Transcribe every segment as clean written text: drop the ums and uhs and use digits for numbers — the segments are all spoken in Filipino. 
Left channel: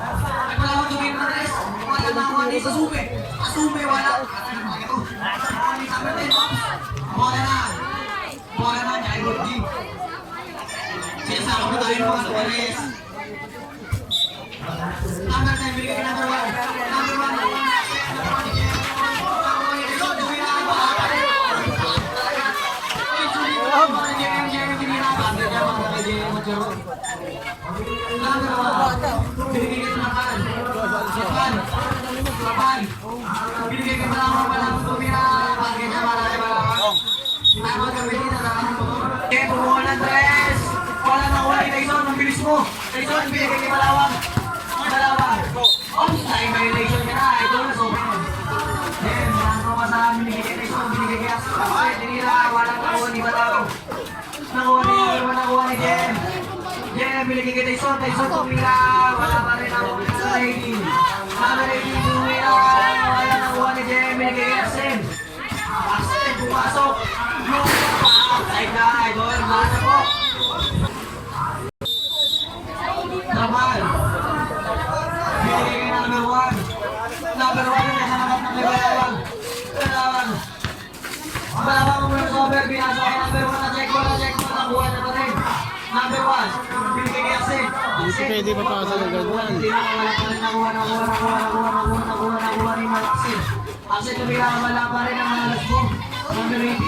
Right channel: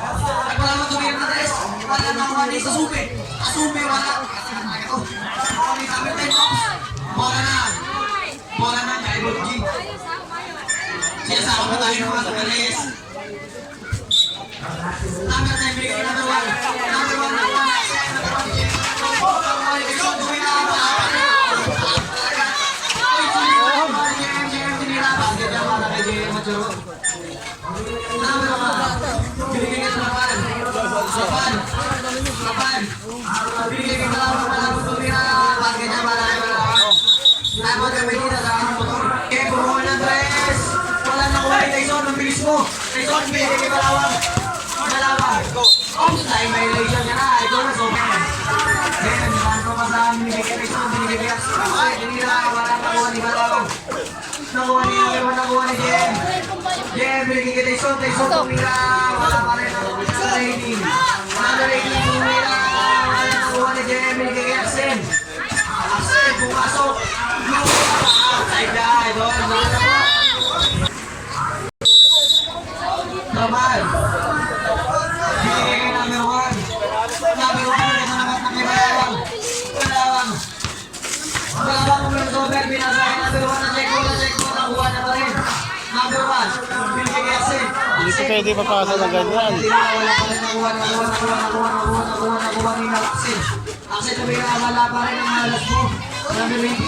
Wala mo tumira na res. Wala na ako mali sa sume. Sume, wala. Bola na. Bola na, kay Rodji. Sinasama tayo ng mga tumalis. Number 10, bigay number 1. Number 1, number 1. Hindi ko pwede papasa ng ganyan. Axel, wala pa rin ang malas mo. Number 18.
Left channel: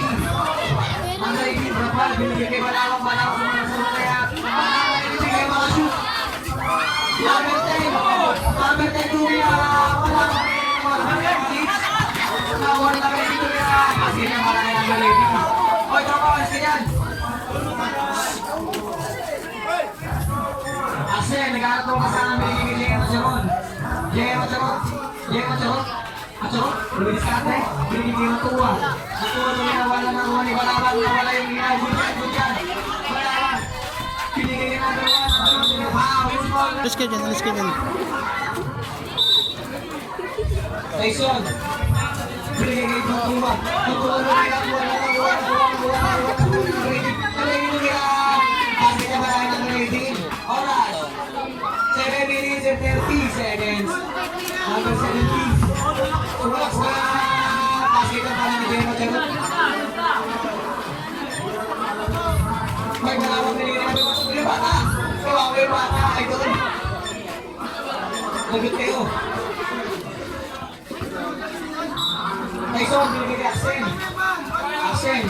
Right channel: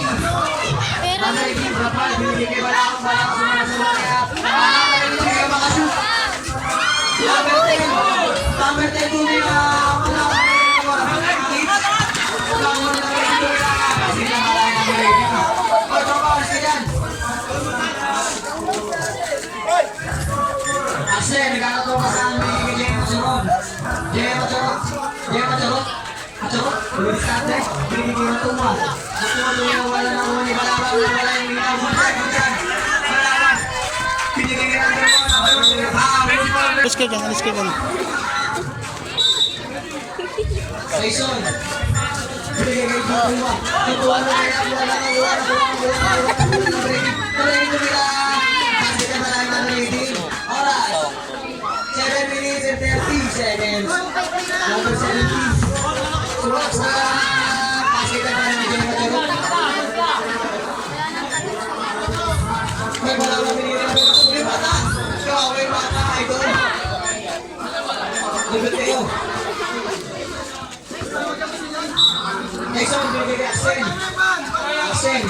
Number 18, Brapal. Binigay kay Balawang sumasawa kaya. Binigay mga shoot. Number 10. Number 10, Tumi. Balawang. Nakawa nila ba rin Tumi. Kasi na malaya number 18. O, Brapal, sinan. Axel, nagkakatong ka sa aming Jay Macharon. Jay Macharon. Jay Macharon. Macharon. Ulit sa atin. Binigay ng tuwa. Tuwa na wala na mo ni Balawang. Wala yung ilaw. Bunyan. Balawang. Binigay ng tuwa. Alis ka dyan, alis ka dyan. Saison. Binigay ng tuwa. Tuwa na wala na wala. Wala yung tumira. Kasi na maraming ng rating. Oras. 7 minutes and 30 seconds. Number 70. Sumak sa pasikan pa ni Jay Macharon. May Balawang binigay ng tuwa. Bata. Kawang may bata. Ito. Nagod kayo. Tyson, binigay kay Axel. Axel.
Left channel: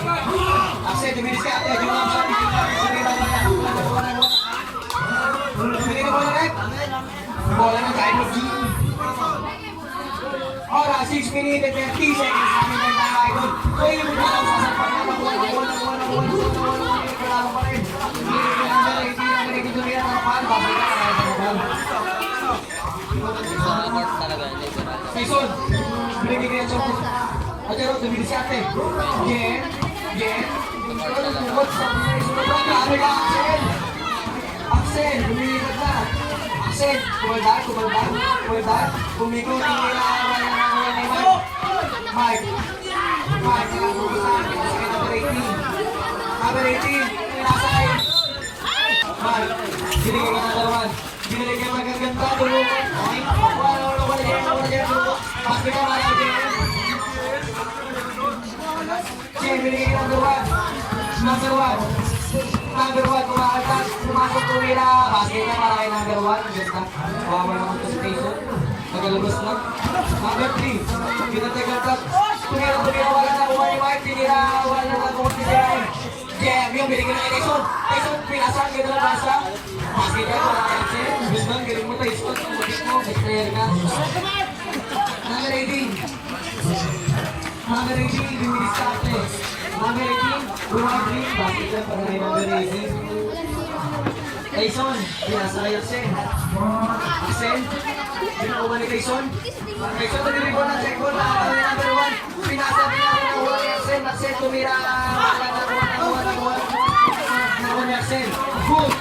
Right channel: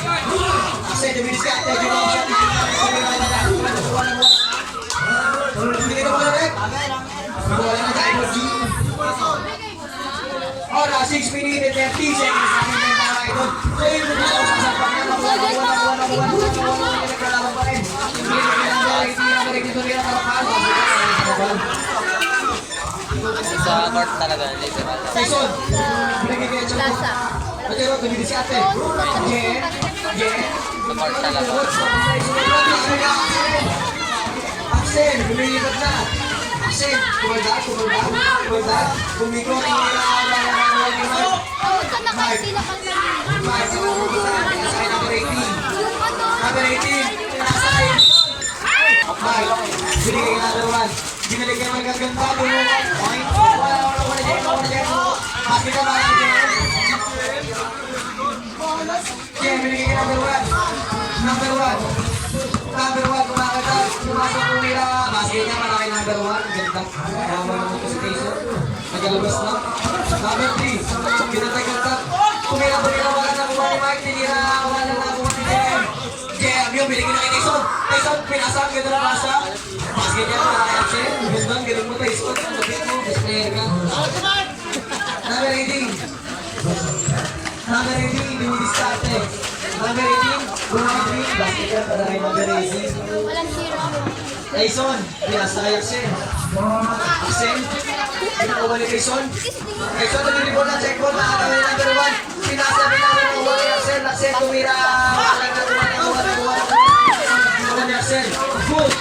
Axel, jaminis ka. Binigay ka bola rin. Bola na tayo. Ora, 6 minutes and 30 seconds. Sabi ng tayo ay doon. So, yun mo na ako sasapan na. Nakuha pa rin. Binigay ka ng 18. Dito rin ang Tyson, binigay kay Choco. Macharon, tumilis sa atin. Jen. Axel, lumilipat na. Axel, kumalda. Kumiko, Mike, number 18, nasa kayo. Mike, binigay na naman. Binigay naman ang ganda. Mike, bakit na marami dyan? Jen, binigay ka number 1. Number 1, kumasok po nila. Basket na marami number 1. Diyan na. Tama naman po sa piso. Nagalabas na. Number 3. Pinatagal ka. Kumira wala na kuha ni Mike. Tinira. Wala na kuha ni Jen. Jen, yung binigay na kay Tyson. Tyson, pinasak. Ito na masak. Basket yan para kay Jen. Gandang, ganun mo Tyson. Bakit mo? Best player ka. Number 18. Number 18, dinidiskarte. Number 18, bumibig. Basket yan para kay number 18. Tyson, pinasa kay Axel. Axel, pinakuha ni Tyson. Tyson, nilibot na checkpoint. Nakakawin number 1. Pinasa kay Axel. Axel, tumira. Nakuha ni Axel. Good.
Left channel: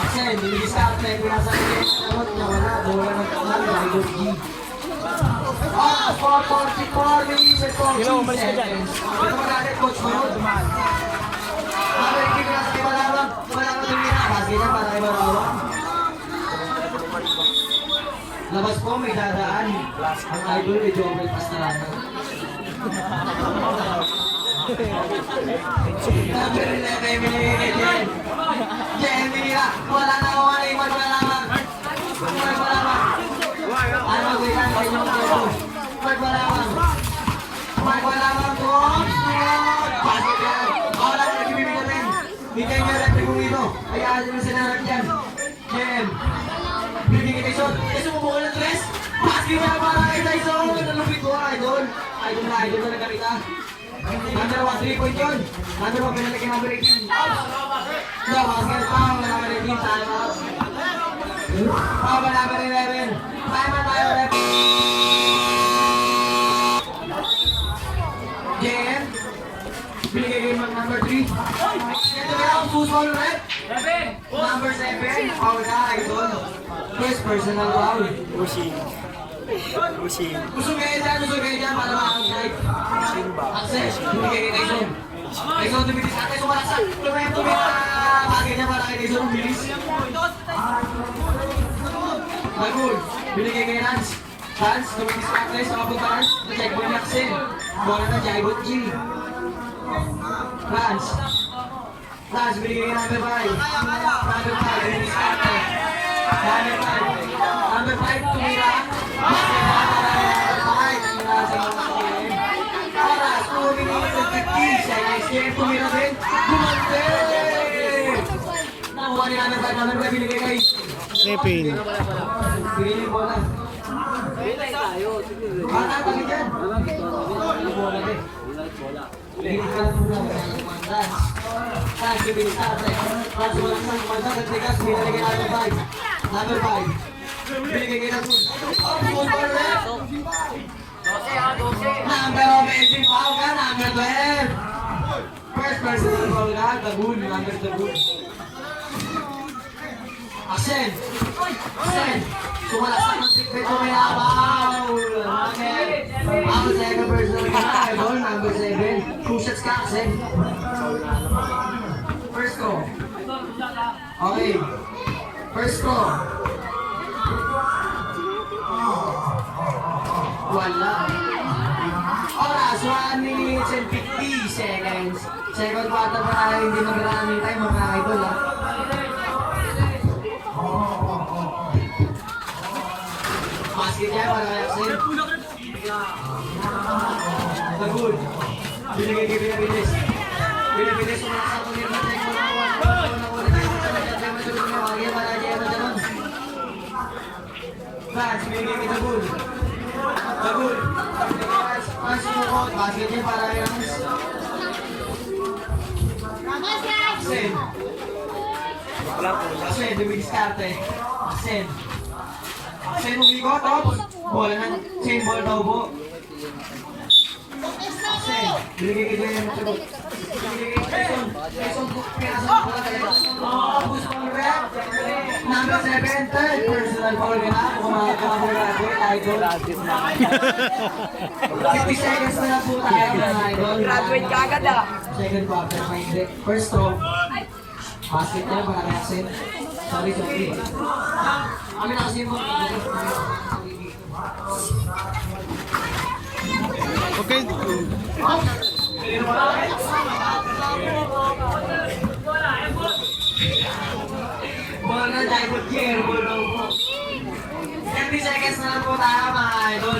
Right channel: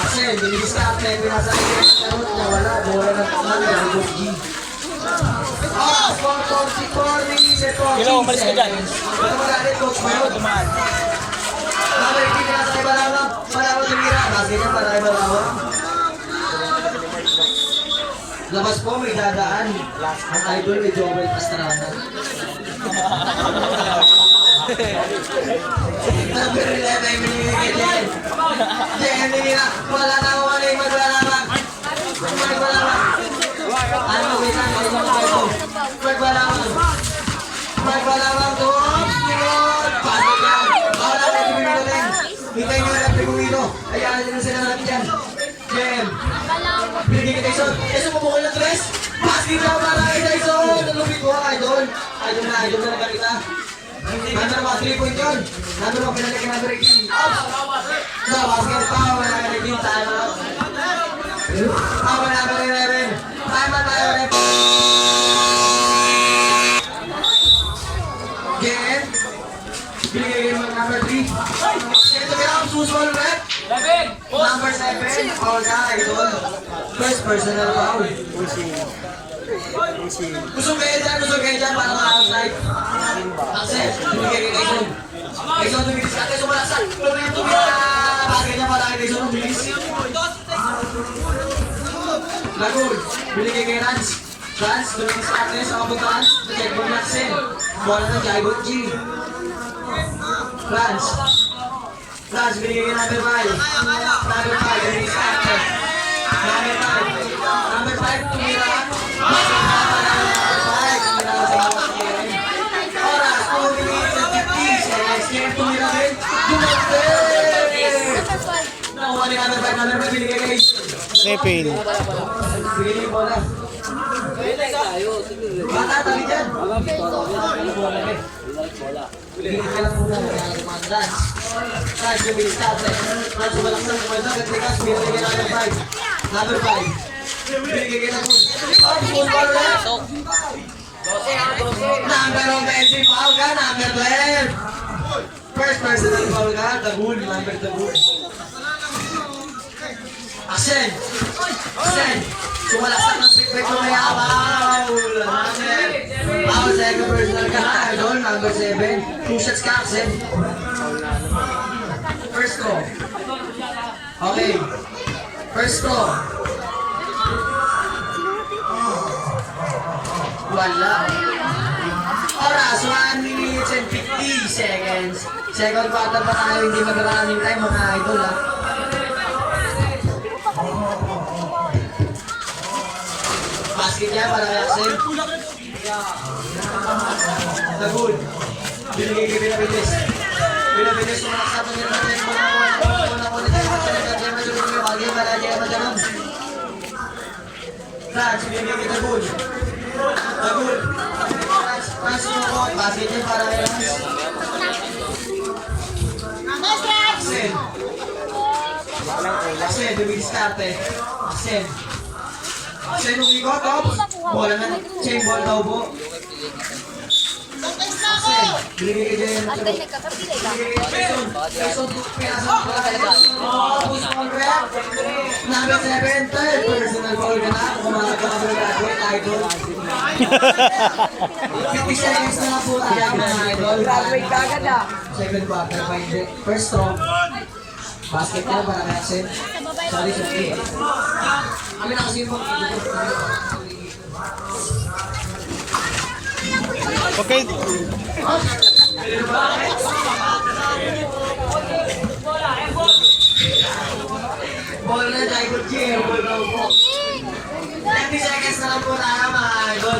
Axel, dinidiskarte. Pinasa kay Axel. Wala. Bola ng number 2G. 4:44 minutes and 14 seconds. Ito wala rin, Coach Mayod. Number 18 na sa Balawang. Balawang tumira. Basket yan para kay Balawang. Labas po, may dadaan. Ang idol, may Joel Pastrana. Number 11, binigay Jen. Jen, nila. Wala na ako wala yung maglalabang. Maglalabang. Ano, wait lang, kayo lang kayo. Maglalabang. Maglalabang doon. Pasok lang. Wala na yung bibigay din. Hindi nyo lang yung bumilo. Hayaan nyo sa nanap yan. Jen. Binigay kay Tyson. Tyson, bumukol ng tres. Basket na para kay Tyson. Nalupit ko, idol. Idol na nagkakita. Number 1, 3-point yun. Number 1, penalty kay number 18. So, basket power na kay 18. Time out. Power number 11. Time out tayo rin. Jen. Binigay kay number 3. Ito kaya ang suswal ulit. Number 7. Foul ka, idol. First personal foul. Usog kayo dyan para ma-outside. Access, bumigay kay Tyson. Tyson, tumilis natin, sumalaksak. Tumilis. Basket niya para kay Tyson, tumilis. Lagul, binigay kay Rans. Rans, tumilis natin sa kapag Rans. Check ball niya, Axel. Bola na, Jaibot G. Rans, binigay kay number 5. Number 5, tumilis natin. Number 5, tumira. Oras, 2 minutes and 50 seconds. Kaya tumira din. Nakuha ni number 5. Number 5 binigay kay Sepil. Bigay niyo yung bola. Bata, tabi dyan. Bigay ka lang muna. Rans, bibilis ka. Rans, sumalaksan. Kumalaksan. Katikas, binigay kay number 5. Number 5. Binigay kay number 12. Number 20, foul ka, number 12. First personal foul ka, Tagul, number Tagul. Axel, sumalaksak ng feedback mo kaya, foul. Foul, second personal ka na, idol, number 7. 2 shots ka, Axel. First throw. Okay. First throw. Wala. Oras, 1 minutes and 50 seconds. Second quarter pa tayo, hindi mag-running time mga idol ha. Basket niya para kay Axel. Tagul. Binigay kay Pinapites. Pinapites kung nakasatong yun natin. Rans, binigay kay Tagul. Tagul. Rans, sumukot. Basket niya para kay Rans. Axel, dumidiskarte. Axel, umigo, tops. Bola na, chain ball daw po. Axel, binigay kay Jen. Binigay kay Tyson, pinasa mo pala kayo. Puso mo rin. Number 7, third personal foul ka na. Kumakas mo graduate, idol. 50 seconds na lang po tayo, idol. Graduate ka agad ah. Second quarter, find first throw. Basket na para kay Axel. Sorry. Kami na kasi mo. Okay. Ball na Jaibot G. Ball daw po. 20 seconds na lang po tayo mga idol.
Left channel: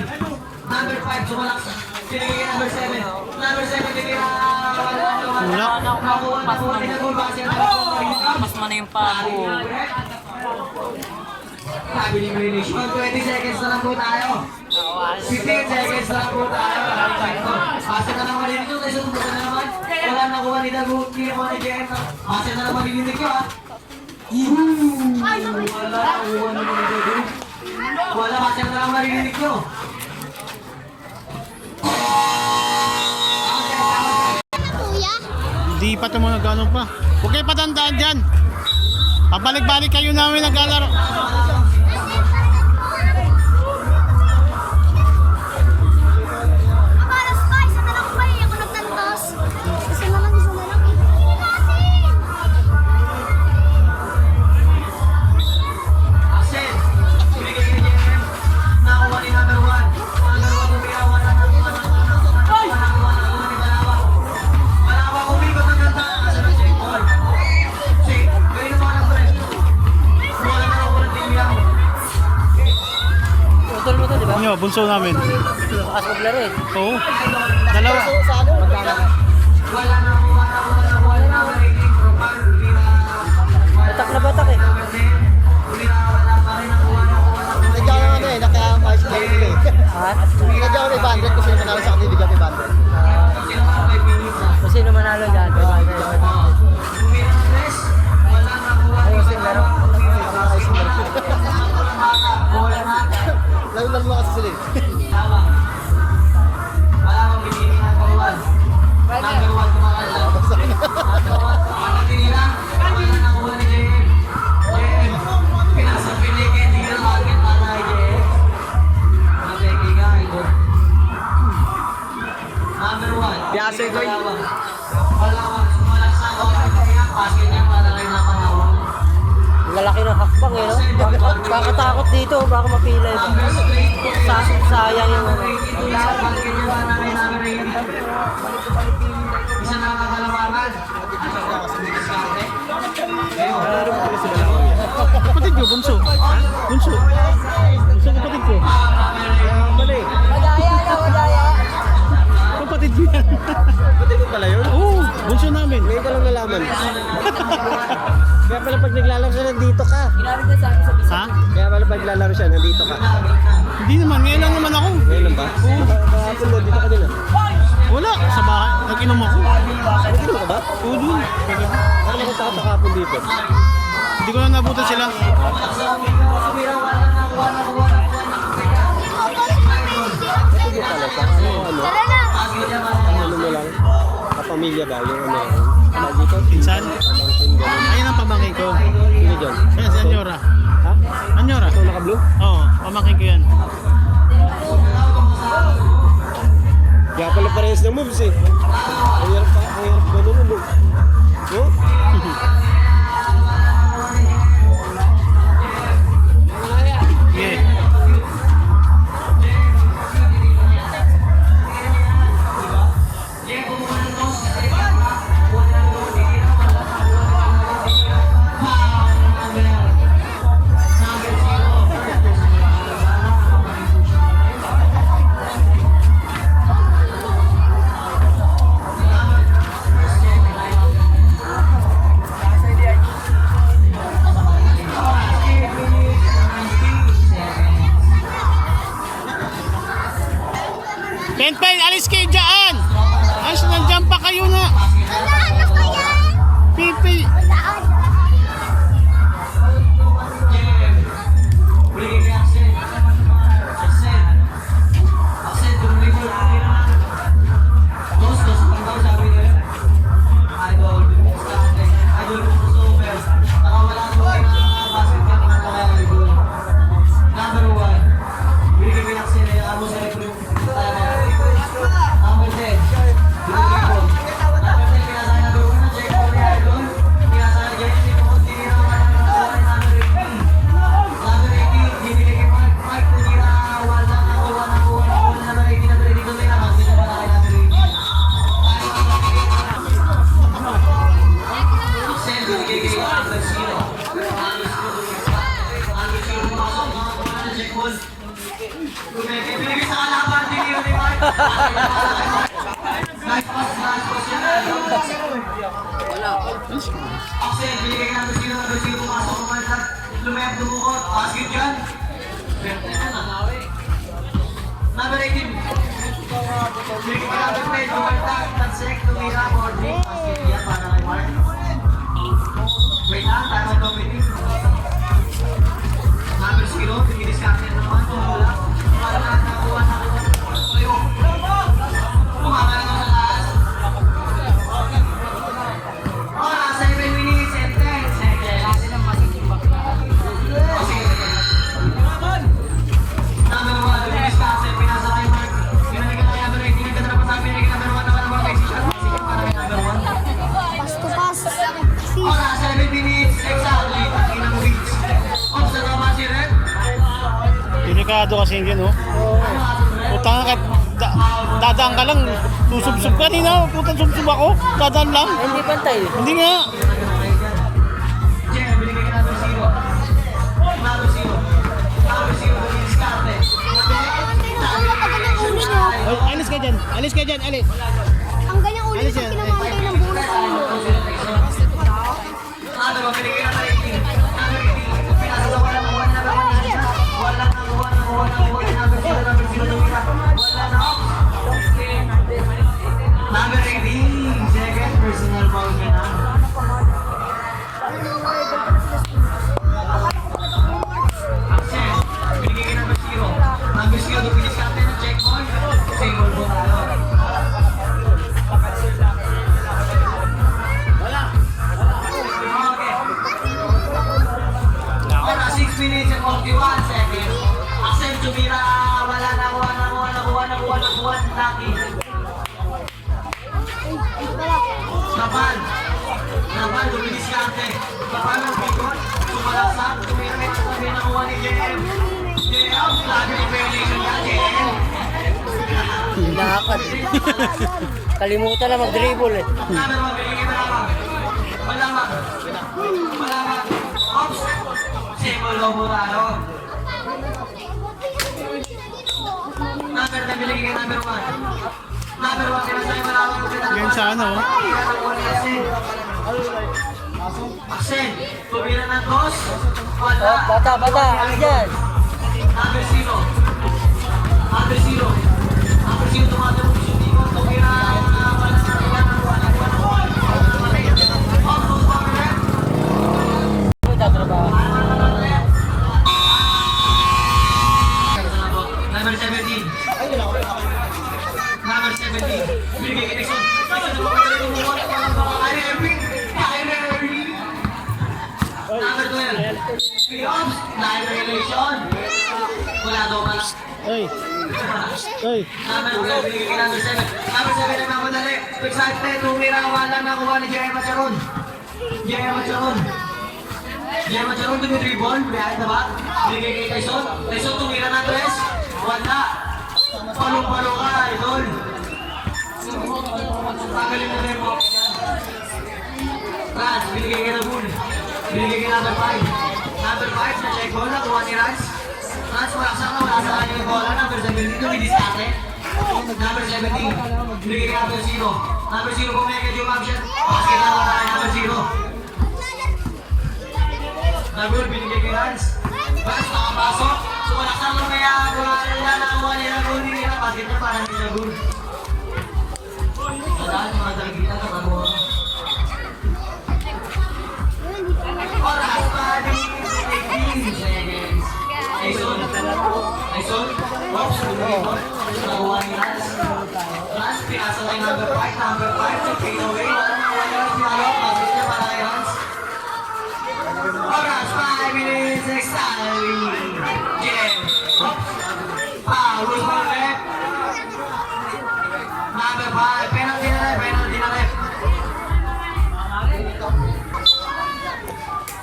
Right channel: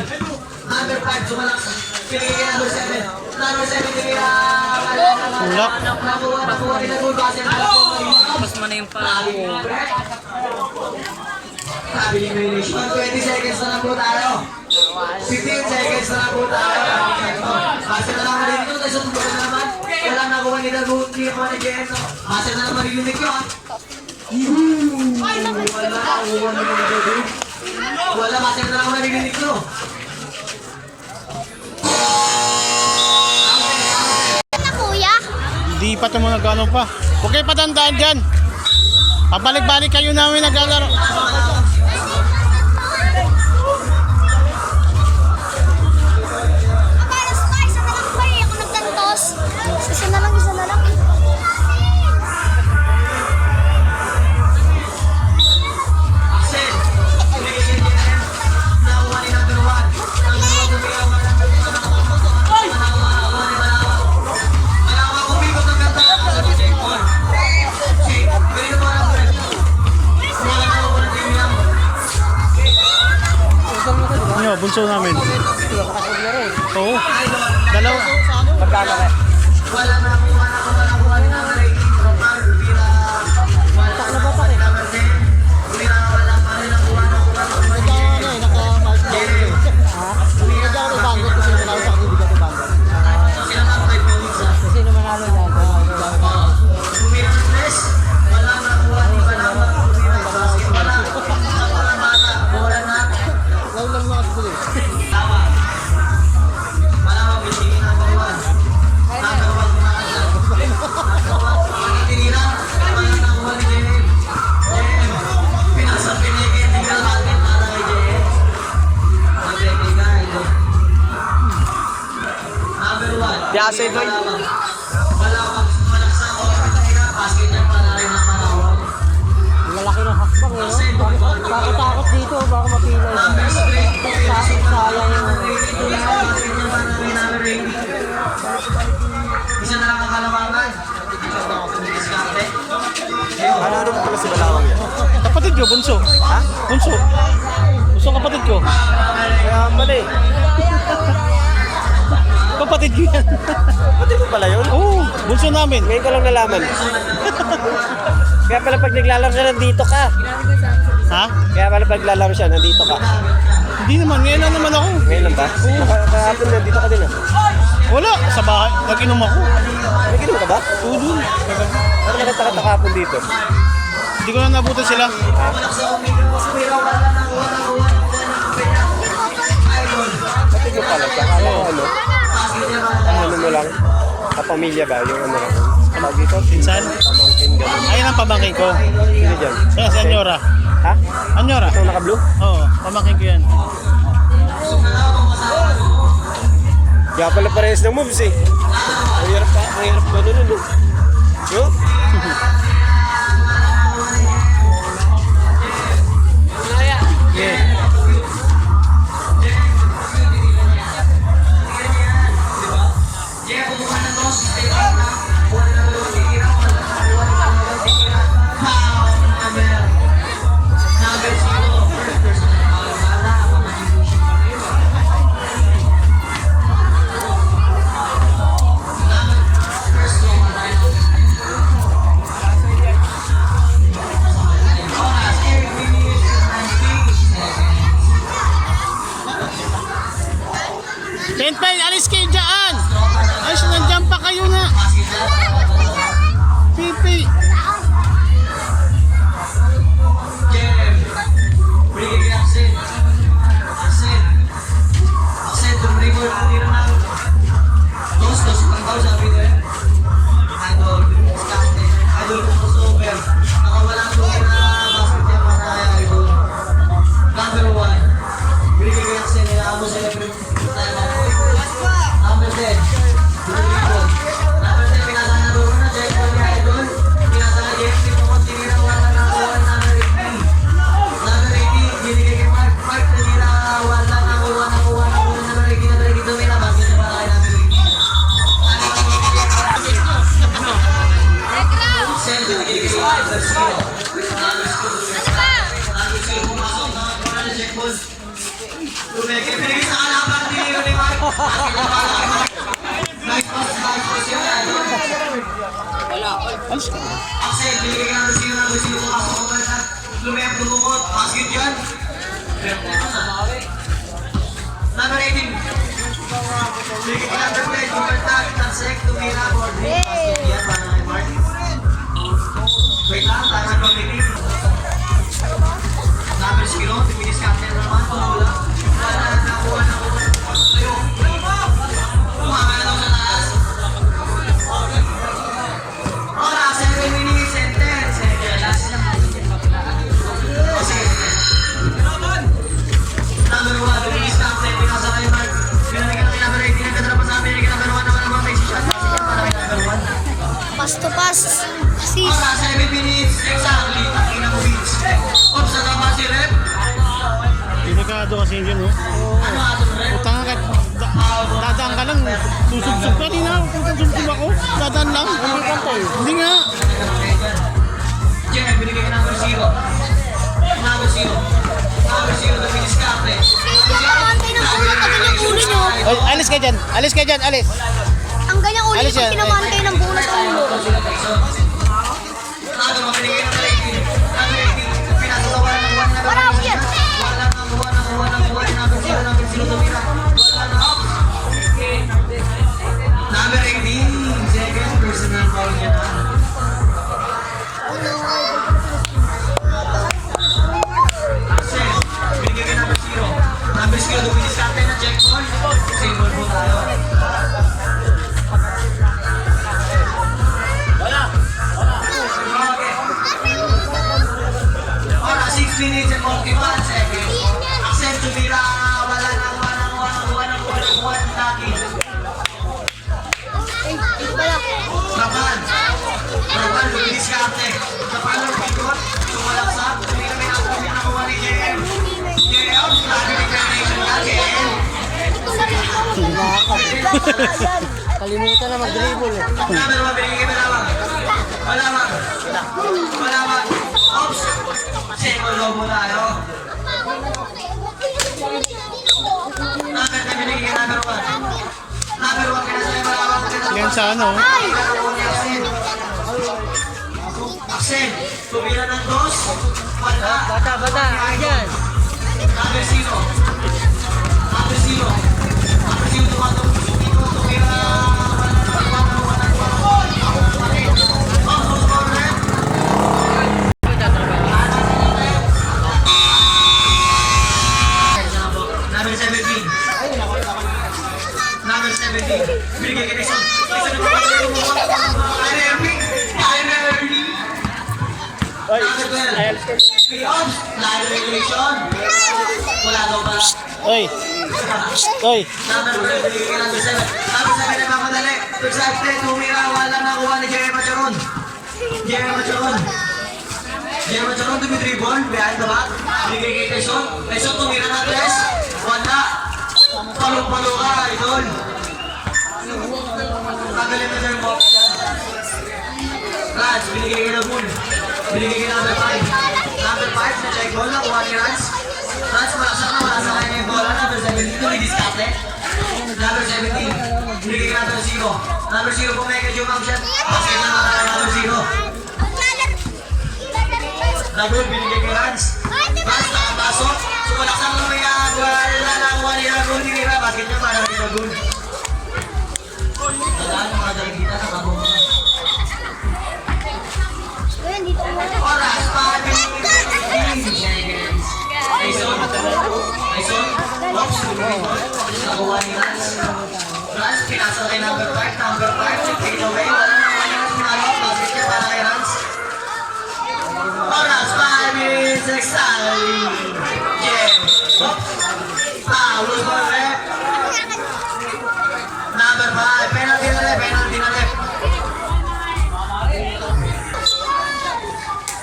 Number 5, sumalaksak. Pinigay kay number 7. Number 7, tinira. Tulak. Nakuha nila po. Basket na lang po. Mas man yung pa. Sabi ni Mination, 20 seconds na lang po tayo. 15 seconds na lang po tayo. Basket na lang marinig ko. Tyson, buka na naman. Wala nakuha ni Dagut. Hindi naman ni Jen. Basket na lang marinig ko ha. Wala nakuha ni Dagut. Wala, basket na lang marinig ko. Di pa ito mo nag-ano pa. Huwag kayo patandaan dyan. Pabalik-balik kayo namin naglalaro. nyo, bunso namin. Bukas maglaro eh. Oo. Dalawa. Magkano ka? Batak na batak eh. Kasi naman manalo niyan. Lang mo kasi sila eh. Piase boy. Malaki ng hakbang eh. Kakatakot dito, baka mapilay. Sayang yung Isa na lang ang kalamaran. Kapatid ko, bunso. Ha? Bunso. Bunso kapatid ko. mali. Kapatid ko yan. Pati mo pala yun? Oo, bunso namin. Ngayon ko lang nalaman. Kaya pala pag naglalaro siya, nandito ka. Ha? Kaya pala pag naglalaro siya, nandito ka. Hindi naman, ngayon lang naman ako. Ngayon lang ba? Oo. Kahapon nandito ka din ah. Wala, sa bahay. Nag-inom ako. Naginom ka ba? Oo, dun. Ako nakataka kahapon dito. Hindi ko na nabutan sila. Pati mo pala. Tsaka Oo. ano mo lang. Kapamilya ba? Yung ano lang. Tawag dito? Pinsan? Pamangkin gano'n. Ayun ang pamangkin ko. Sino dyan? Ayan, si Anyora. Ha? Anyora? Ikaw naka-blue? Oo, pamangkin ko yan. Kaya pala parehas ng moves eh. Ang hirap ko nun eh. Yo? Yeah. Penpen, alis kayo dyan! Alis, nandiyan pa kayo na! Pipi! Axel, binigay ka natin sino na kung sino pumasok ko ba Lumer, dumukot, basket yan. Number 18. Binigay ka natin play, bumaltag, tansek, tumira, boarding, basket yan, para kay Mark. Wait lang, tayo mag-meeting. Number Spino, finish captain naman, pamula. Wala na nakuha na ko. Ayo. Kumama na ako sa taas. Oh, 7 minutes and 10 seconds. Sige. Number 1, finish captain, pinasa kay Mark. Pinamigay na kaya number 18, nagkatara pa sa amin, kaya number 1 naman ang mga position. Para kay number 1. Pass to pass. Oh, 7 minutes, exactly. Ina mo beats. Oh, sa tama si Red. Delikado kasi yun, oh. Utang ka, dadaan ka lang, susubsub ka. Kanina, putang subsub ako, dadaan lang. Hindi pantay. Hindi nga. Jen, binigay ka number 0. Number 0. Number 0 na finish captain. Alis kayo dyan, alis. Ang ganyang ulit Alis pag yan. tinamaan kayo ng bonus sa ulo. Marami yan. Number 18, second personal foul niya na. Axel, binigay kay number 0. Number 0, dumilis captain na check ball. Single po tayo. Ora, 6 minutes and 41 seconds. Axel, tumira. Wala na, Naki. Rapan, lumilis karte. Rapan, lumikot. Sumalaksak. Tumira na yung tumira na kuha ni Jen. Jen, out. Lagi ni Fernation na, Jen. Kalimutan na mag-dribble eh. Number 1, binigay Malamang. Malamang. Oops. Semo Lobo na, no? Number 10, binigay number 1. Number 1, kinasa yung Malamang. Yan sa ano. Axel, tumira ng dos. Wala. Bata, andyan. Number 0. Number 0. Number 0, tumata ng sumikot. Tumira. Number 17. Number 17. Binigay kay Dixon. Number 12. Pre-ops. Line relation. Wala daw pala. Oy. Oy. Number 7. Binigay kay number 7. Number 7 na mamadali. Excited. Tumira. Wala na kuha ni Jerry Macharon. Jerry Macharon dumidribble. Behind the back. Binigay kay Tyson. Tyson tumira na tres. Wala. Palo-palo ka, idol. Tagalin na dyan mo. Rans, binigay kay Labun. Binigay kay number 5. Number 5, na-check ball na, kuha ni Rans. Rans, malaksak na kanya yung bola. Number 17, tumidiskate. Number 17, binigay kay number 0. Number 0, pumekad yung ma'am shot. Basket na number 0. Labun, binigay kay Rans. Rans, nakapasok. Sumalaksak na kaya, wala na kuha ni Labun. Binira, basket niya para ni Labun. Tandaan, mga dalagita na kabo. Oras, 5 minutes, 18 seconds. Tyson. Oops, nakuha ni Rans. Rans, pinasa kay number 5. Number 5, take away. Wala na sinalo. Basket niya para kay Rans. Oras, 5 minutes, exactly. Jen. Oops. Foul for rep. Number 5, penalty na rep.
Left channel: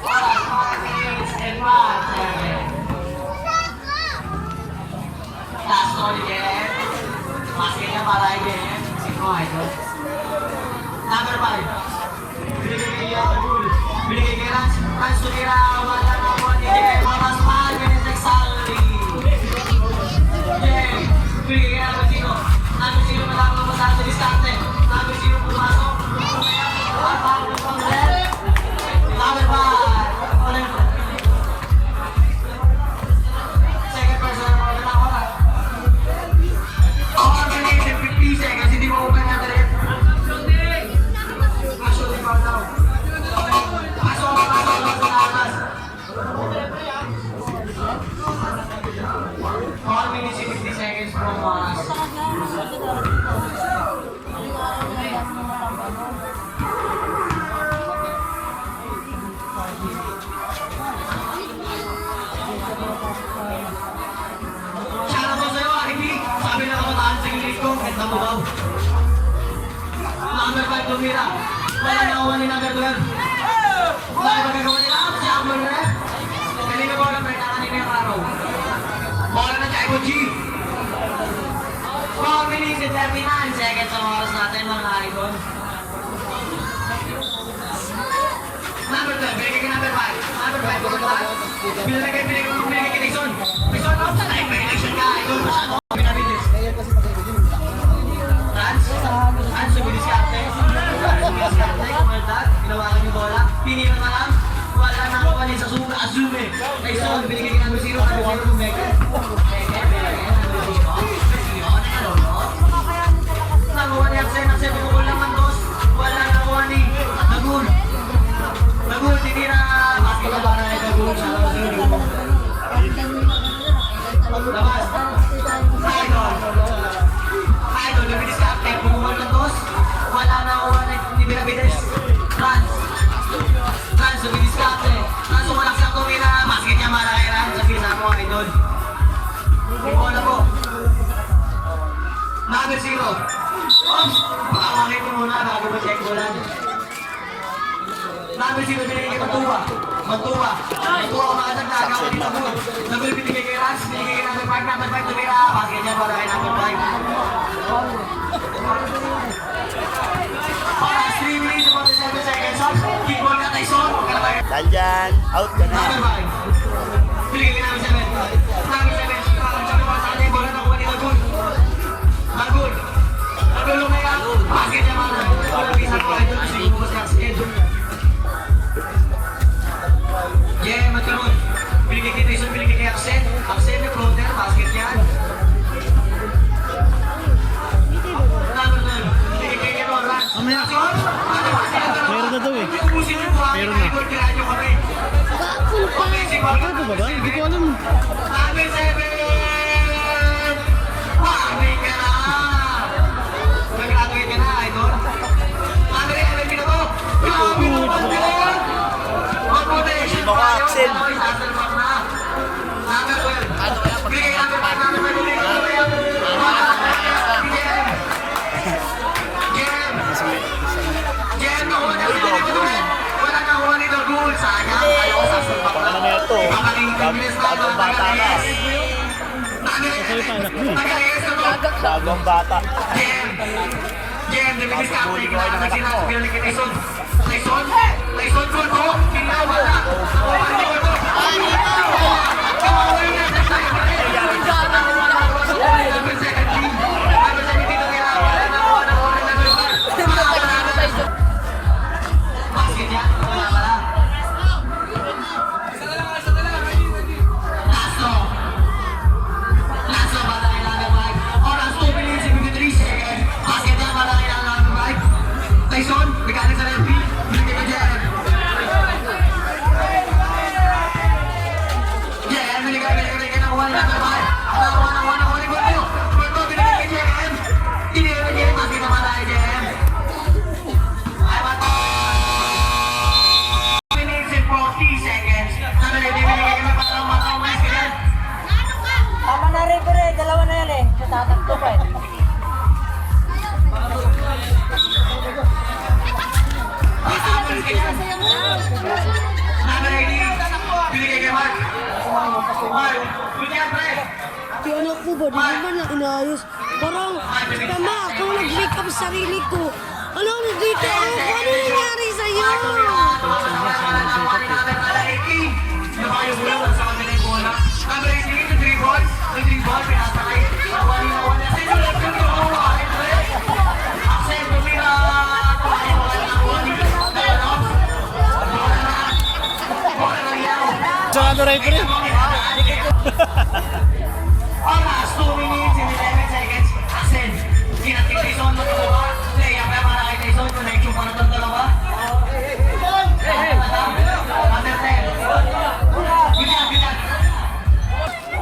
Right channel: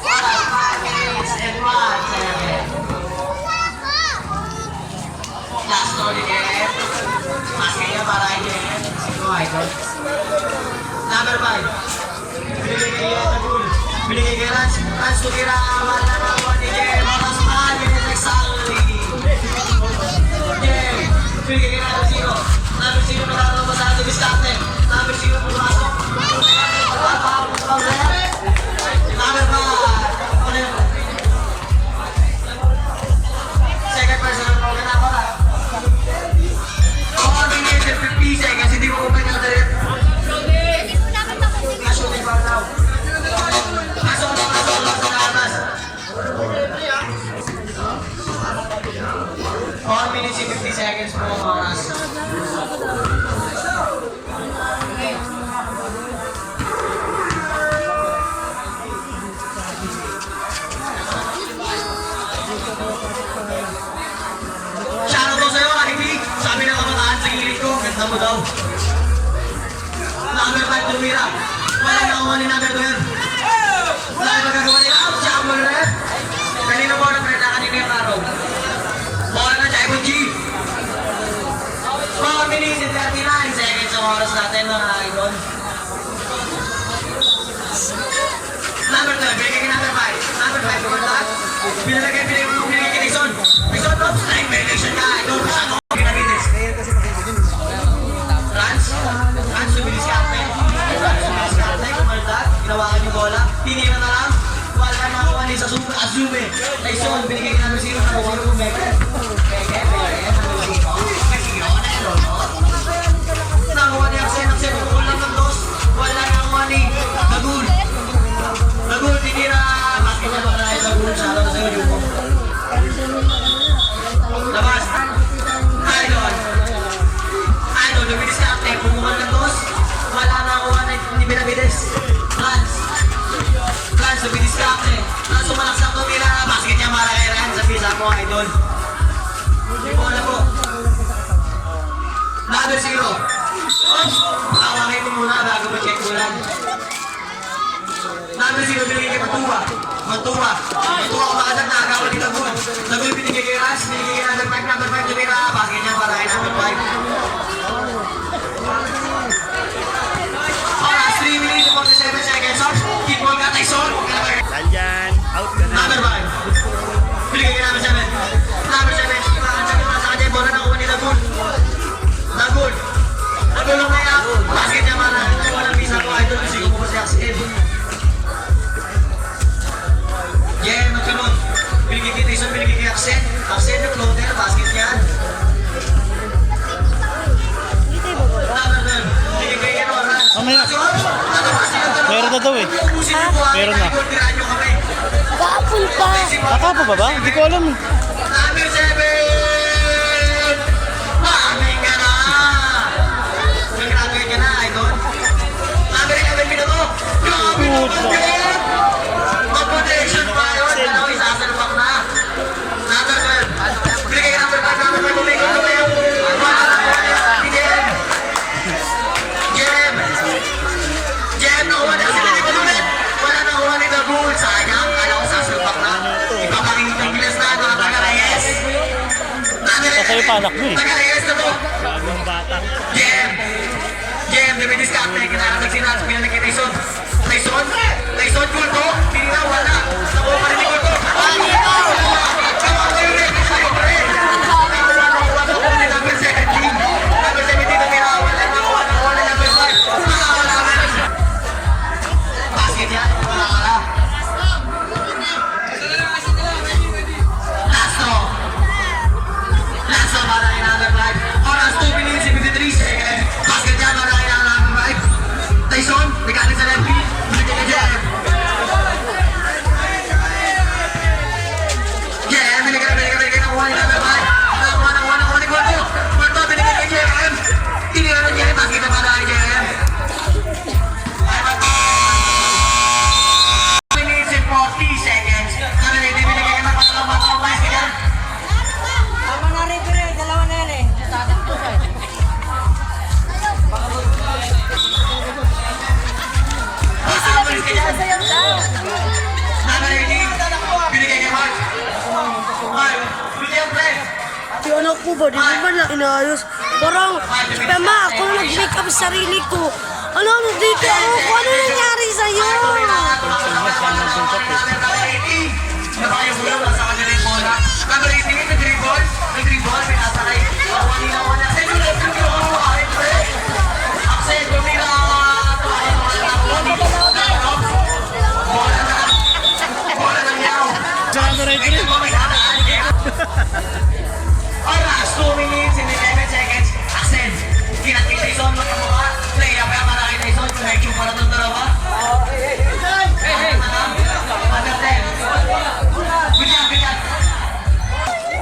Oras, 5 minutes and 1 second. Last one again. Basket niya para kay Jen. Sino, idol? Number 5. Binigay kay Rans. Rans tumira. Wala na po ni Jen. Oras, 5 minutes exactly. Jen. Binigay kay number 0. Number 0 nakakaroon pa sa ato diskarte. Number 0 pumasok. Number 5. Ulit. Second person ang mga nakakora. 4 minutes and 50 seconds. Hindi mo open na tayo. Shooting foul now. Pasok. Sinabas. 4 minutes and 50 seconds po ang oras. Shoutout ko sa'yo, Anipig. Sabi ng kabataan sa gilid ko, ganda mo daw. Number 5, tumira. Wala nakuha ni number 12. Wala magagawa nila. Siya ang wala na. Kanina po ang prena kanina yung araw. Bola na Jaibo G. 4 minutes and 39 seconds ang oras natin, mga idol. Number 12, binigay kay number 5. Number 5, pumunta. Binigay kay Dixon. Dixon, oops, line violation ka. Idol, masyado. pa ba? Hindi ko alam. Number 7! Mami ka na! Graduate ka na, idol. Number 11, minuto. Puto. Competition pa yun. Ano, isasalpak na. Number 12. Bigay ka number 5, number 5. Bigay ka number 5. Jem, nakuha na sila nito naman. Wala nakuha nito. Good. Sayang. Ayaw ko sasalpak na. Ipapagin ng Ingles na. Mga taga-Reyes. Kasa'yo pa anak mo eh. Taga-Reyes na to. Bagong bata. Jem, naminis ka. May kinakatag sinabi. Pinalik kita Tyson. Tyson, Kurto. Hindi na, wala. Nakuha ka ni Kurto. Number 17. Number 17 na pinawala. Basket yan. Wala ka na. Lasso, malaki na number 5. Oras 2 minutes 73 seconds. Basket yan, malaki na number 5. Tyson, mechanic sa left feet. Bigyan ka dyan. Yeah, binigyan nakuha ni number 5. Nakuha ni Kurto. Kurto, binigyan ka dyan. Tinira na dyan. Basket na malaki dyan. 2 minutes and 40 seconds. Ano na, binigyan ka na pala ng basket yan. Tama na rin ko rin. Dalawa na yan eh. Natatak ko eh. Yung anak ko ba, di ba na inayos? Parang, tama, ako nag-make up sa sarili ko. Ano mo dito? Ano nangyari sa'yo? Sa ano rin ko rin. Oras, 2 minutes and 11 seconds. Axel, kinat kay Tyson, magkakuha. Play up ka para kay Tyson. Connection para itong dalawa. Under 10. Bitan.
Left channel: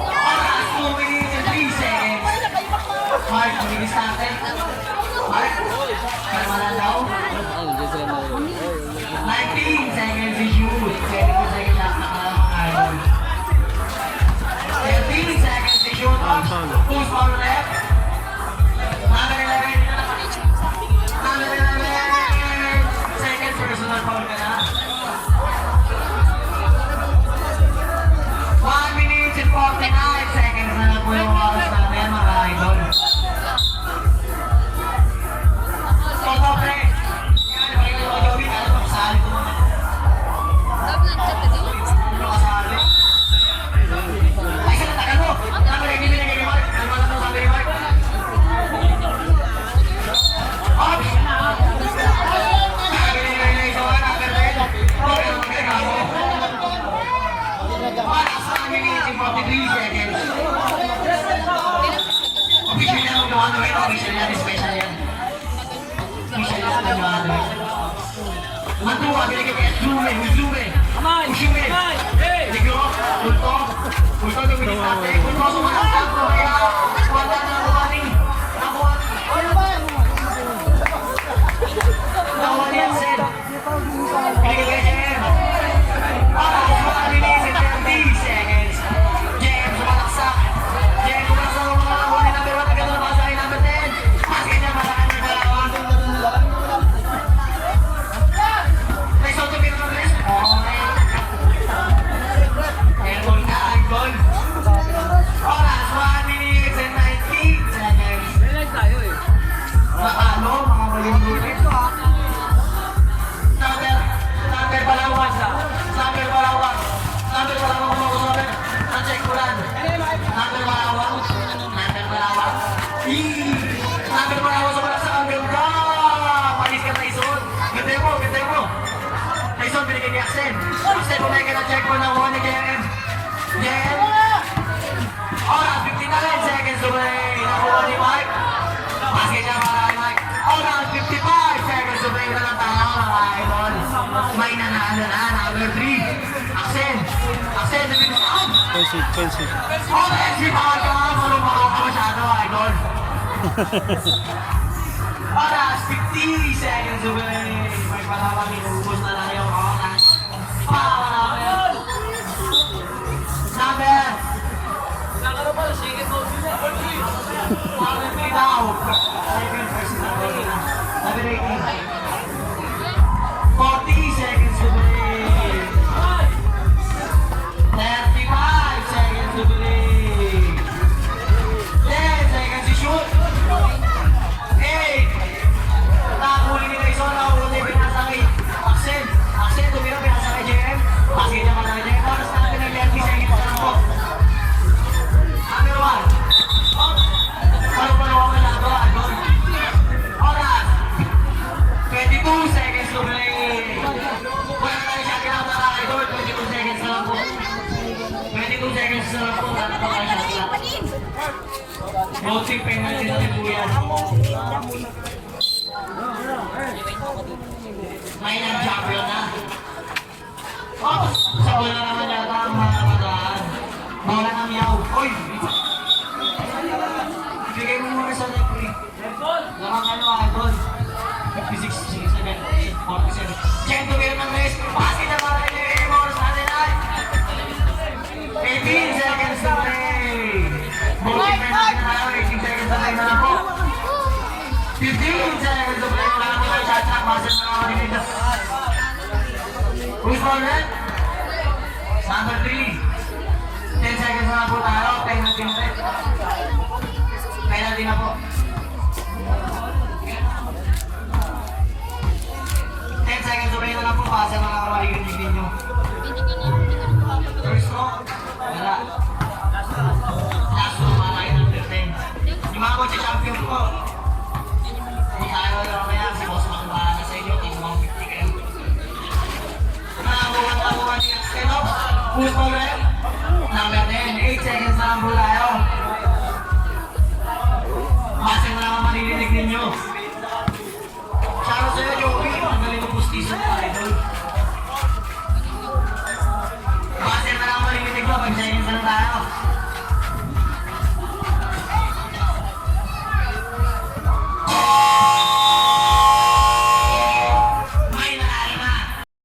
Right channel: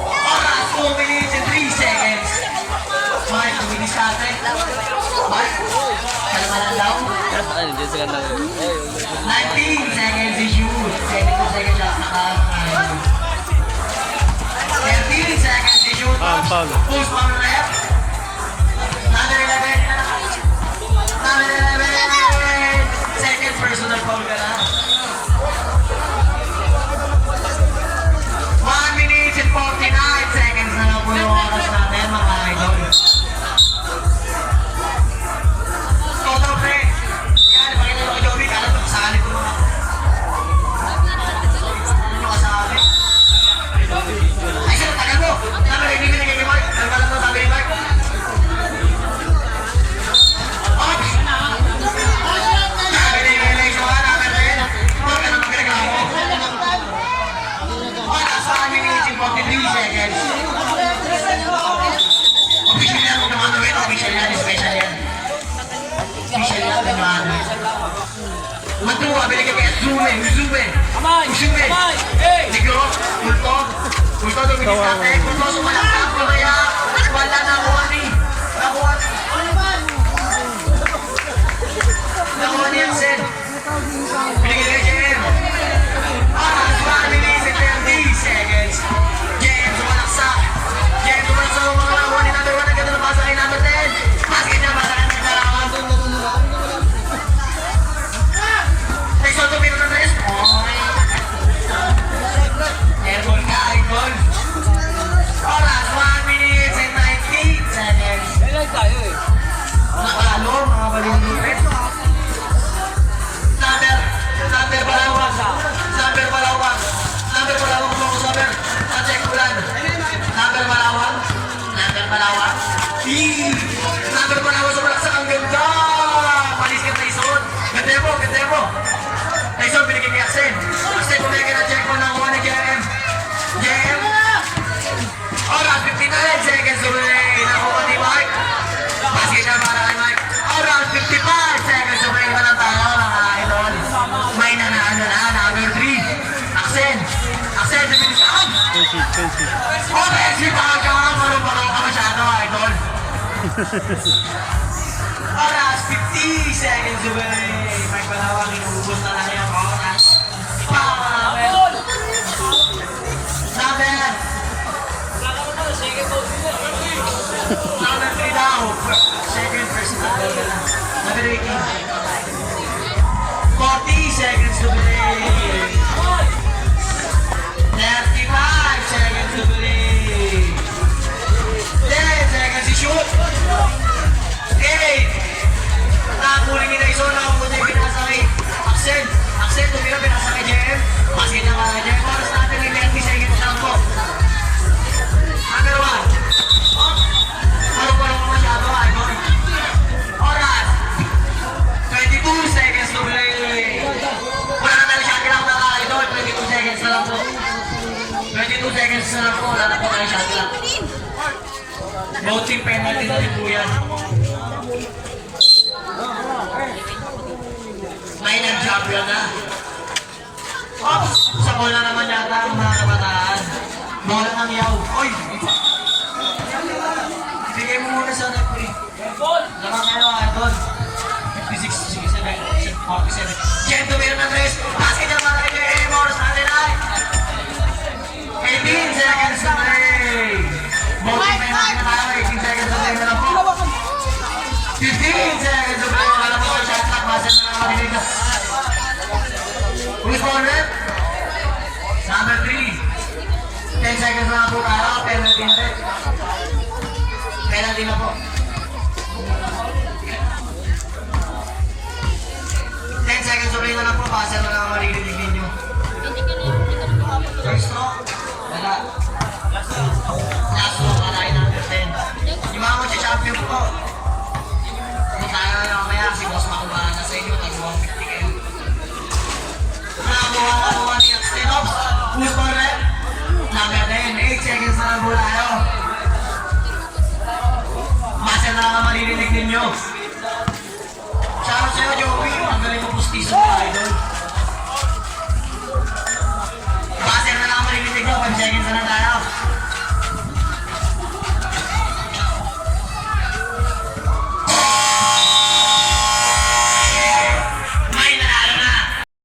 Oras, 2 minutes and 3 seconds. Mark, bilis natin. Mark, kalmanan daw. 19 seconds is you. 17 seconds last na. 13 seconds is you. Foul. Who's on left? Number 11. Number 11. Second personal foul ka na. 1 minute and 49 seconds na lang po yung oras natin, mga idol. Total play. Yan, pakita mo kay Joey. Alam mo, kasali ko muna. Ano kasabi? Ay, saan ang tagal mo? Number 18 binigay kay Mark. Ano ba lang mo sabi ni Mark? Ops! Sabi ni Joey, number 10. Huwag ka naman pinagawa mo. Oras, 1 minute and 43 seconds. Official yan, huwag naman gawin. Official yan, special yan. Official yan, naman. Matuwa, binigay kay Usume. Negro, Kulto, luminis natin. Kulto, sumalaksak. Kaya, wala na warning. Nakuha ni Axel. Binigay kay Jem. Oras, 1 minute and 20 seconds. Jem, sumalaksak. Jem, sumalaksak ang mga nakuha ni number 1. Ang ganda ng pasa kay number 10. Basket na para kay number 1. Tyson, tumira ng rest. Airball ka, airball. Oras, offensive. Offensive bawal ka mga parang-parang ka masyado, idol. Oras, 50 seconds away. May panawang inubos na tayo ang oras. Number. Number 3 down. Second, first number. Number 18. 40 seconds to play. 35 seconds to play. 10 seconds to shoot. 8. Nakakuling ni Tyson, nakakuling pinasakay. Accent, tumira pinasakay JM. Basket na mga JM. Oras natin ni 30 seconds lang po. Number 1. Palo-palo ka masyado, idol. Oras. 22 seconds to play. Wala na tayo shot lang mga idol. 22 seconds na lang po. 22 seconds na lang po. Wala na pa tayo shot lang. Voting penalty na rin po yan. Line and jumper na. Oops! Sa bola naman yata ang mga kabataan. Bola ng yaw. Uy! Bigay mo muna sa referee. Naman kayo, idol. 56, 67, 47. Jem, tumira ng tres. Basket na mga kayo. Oras natin ay 18 seconds to play. Voting penalty na tayo. 18 seconds to play na lang po. 15 seconds to play. Wala na po kayo shot clock. Basa na lang madilig na. Who's ball rep? Number 3. 10 seconds na lang po tayo. Penalty na rin. Penalty na po. 10 seconds to play na lang po. Basa na lang madilig ninyo. First no? Wala. Last no, malaking number 10. Yung mga champion po. Kung tayo yung mamaya, si boss makubahan na sa inyo. Tag 150 kayo. Nakakuha ni Axteno. Who's ball rep? Number 10. 8 seconds na lang po tayo. Basa na lang maririnig ninyo. Shoutout sa'yo, Joey. Ang galing mo pustiso.